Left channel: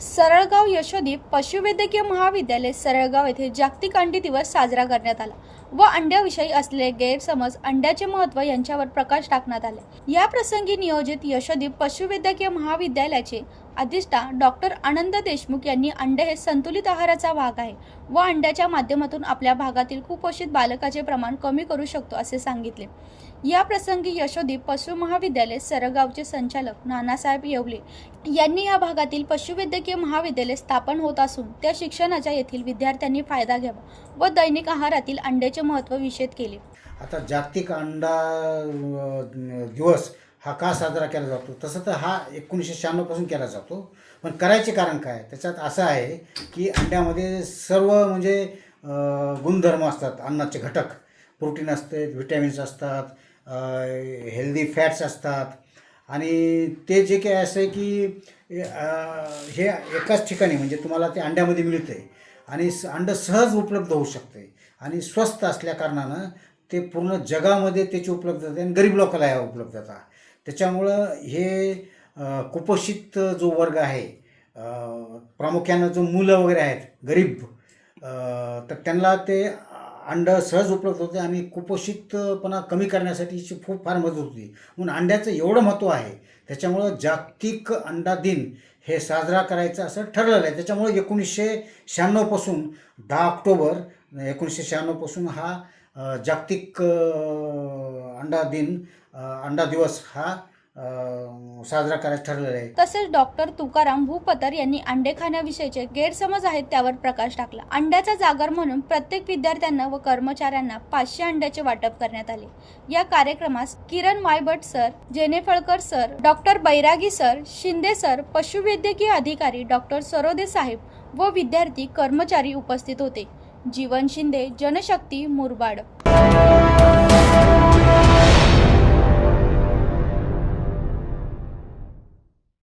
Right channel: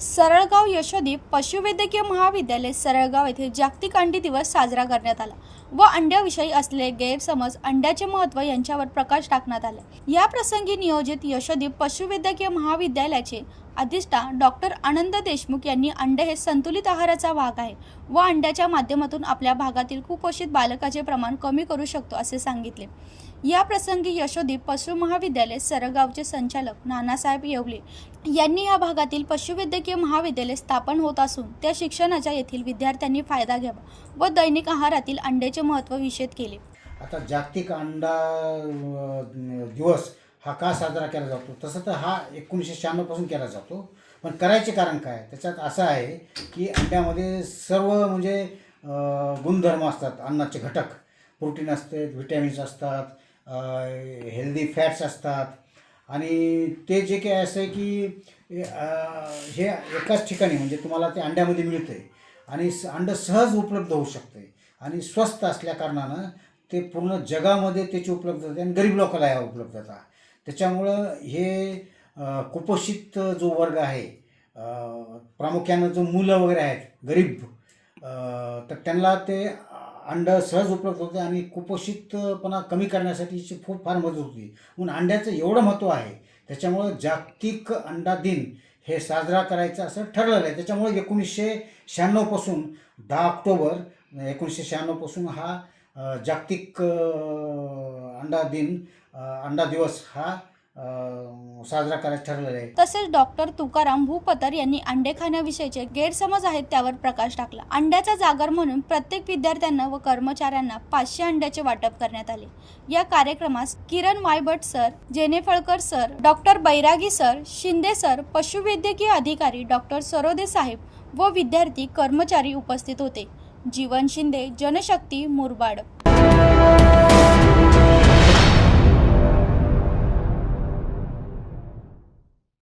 सरळगाव यशोदीप पशुवैद्यकीय महाविद्यालय सरळगाव येथे जागतिक अंडी दिवस साजरा करण्यात आला व अंड्याविषयी असलेले गैरसमज अंड्याचे महत्त्व यांच्यावर प्रकाश टाकण्यात आले. या प्रसंगी नियोजित यशोदीप पशुवैद्यकीय महाविद्यालयाचे अधिष्ठा डॉक्टर आनंद देशमुख यांनी अंडे हे संतुलित आहाराचा भाग आहे व अंड्याच्या माध्यमातून आपल्या भागातील कुपोषित बालकाचे प्रमाण कमी करू शकतो असे सांगितले. या प्रसंगी यशोदीप पशु महाविद्यालय सरगावचे संचालक नानासाहेब येवले यांनी या भागातील पशुवैद्यकीय महाविद्यालय स्थापन होत असून त्या शिक्षणाचा येथील विद्यार्थ्यांनी फायदा घ्यावा व दैनिक आहारातील अंड्याचे महत्त्व विषद केले. आता जागतिक अंडा दिवस हा का साजरा केला जातो? तसं तर हा एकोणीसशे शहाण्णवपासून केला जातो. पण करायचे कारण काय? त्याच्यात असं आहे की अंड्यामध्ये सर्व म्हणजे गुणधर्म असतात. अन्नाचे घटक. प्रोटीन असते व्हिटॅमिन्स असतात हेल्दी फॅट्स असतात. आणि ते जे काही असं आहे की हे एकाच ठिकाणी म्हणजे तुम्हाला ते अंड्यामध्ये मिळतं आहे आणि स अंडं सहज उपलब्ध होऊ शकते. आणि स्वस्त असल्या कारणानं ते पूर्ण जगामध्ये त्याची उपलब्धता आहे आणि गरीब लोकांना आहे उपलब्धता. त्याच्यामुळं हे कुपोषित जो वर्ग आहे प्रामुख्यानं जो मुलं वगैरे आहेत गरीब तर त्यांना ते अंडं सहज उपलब्ध होते आणि कुपोषितपणा कमी करण्यासाठीची खूप फार मदत होती. म्हणून अंड्याचं एवढं महत्त्व आहे त्याच्यामुळं जागतिक अंडा दिन हे साजरा करायचं असं ठरलेलं आहे. त्याच्यामुळे एकोणीसशे शहाण्णवपासून दहा ऑक्टोबर एकोणीसशे शहाण्णवपासून हा जागतिक अंडा दिन अंडा दिवस हा साजरा करायचं ठरलेला आहे. तसेच डॉक्टर तुकाराम भूपतर यांनी अंडे खाण्याविषयीचे गैरसमज आहेत त्यावर प्रकाश टाकला. अंड्याचा जागर म्हणून प्रत्येक विद्यार्थ्यांना व कर्मचाऱ्यांना पाचशे अंड्याचे वाटप करण्यात आले. या कार्यक्रमास Kiran Vaybat sir Jenephalkar sir doctor Bairagi sir Shinde sir पशुवैद्यकीय अधिकारी डॉक्टर सरोदे साहेब व विद्यार्थी कर्मचारी उपस्थित होते. जीवन शिंदे जनशक्ती मुरबाड.